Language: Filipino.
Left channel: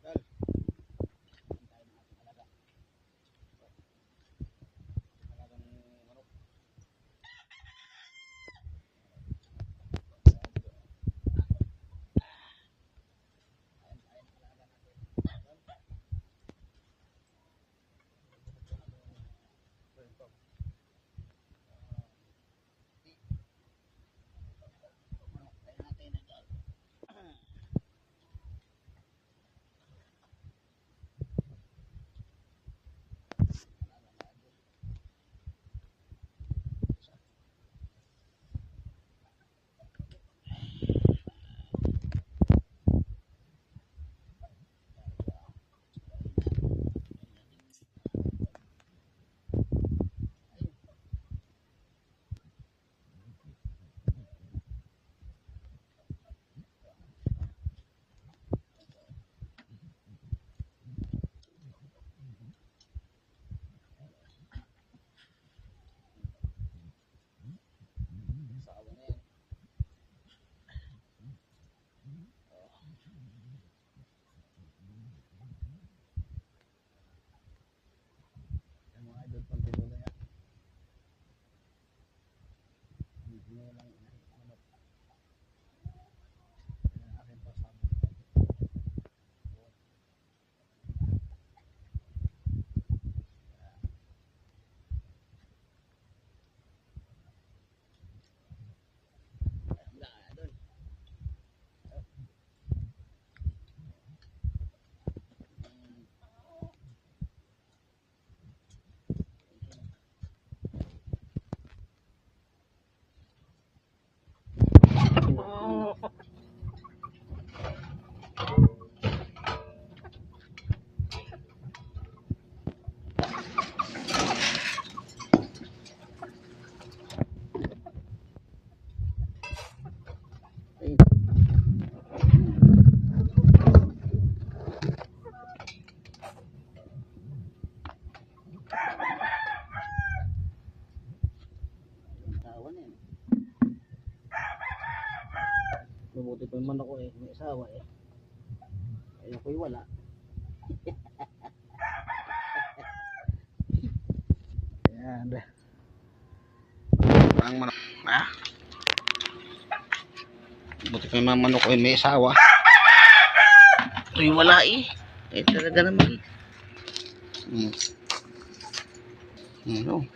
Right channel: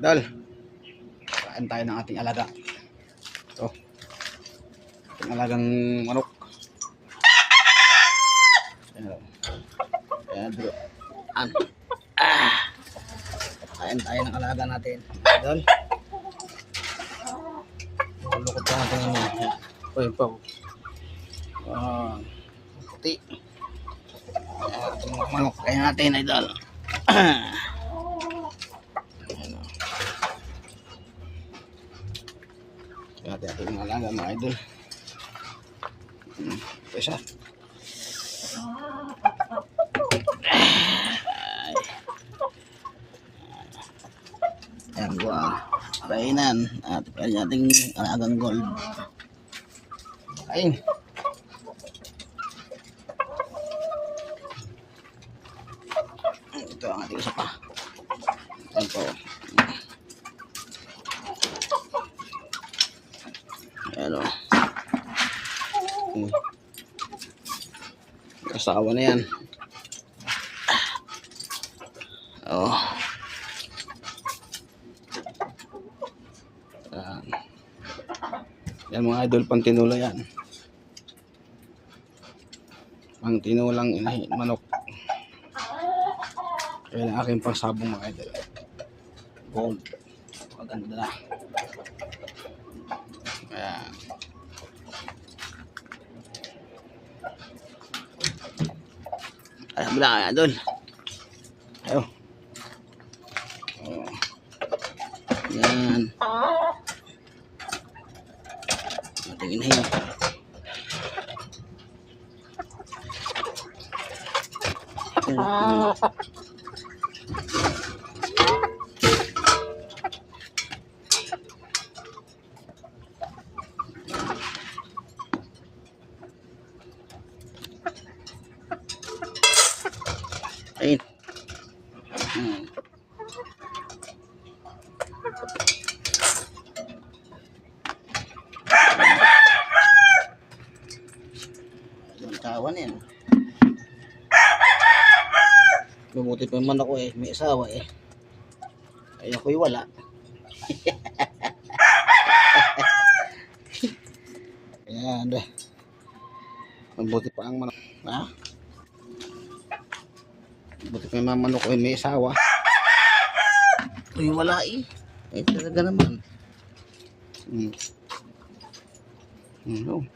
Idol, kain tayo ng ating alaga. Ito, ating alagang manok. Ayan, bro. Kain tayo ng alaga natin. Idol, lukot pa natin yung uy pa. Puti. Ating manok kain natin, idol. Kaya ating alaga mga idol. Pesa. Ayan ko kainan at kanya ating alagang gold. Kain. Ito ang ating isa pa. Ayan po. Ayan o. Kasawa na yan. Oh. Yan mga idol, pang tinula yan. Pang tinulang inahin manok. Yan ang aking pangsabong mga idol. Gold. Maganda. Ayan. Ayan bila kaya idol. Ayo. Oh. Yan. Ating inahin. Ayun. Tawan yan. Mabuti pa man ako eh, may asawa eh. Ay ako'y wala. Ayan. Mabuti pa ang manok. Ha? Mabuti pa yung manok ko eh, may asawa. Ako'y wala eh. Eh talaga naman. Ano?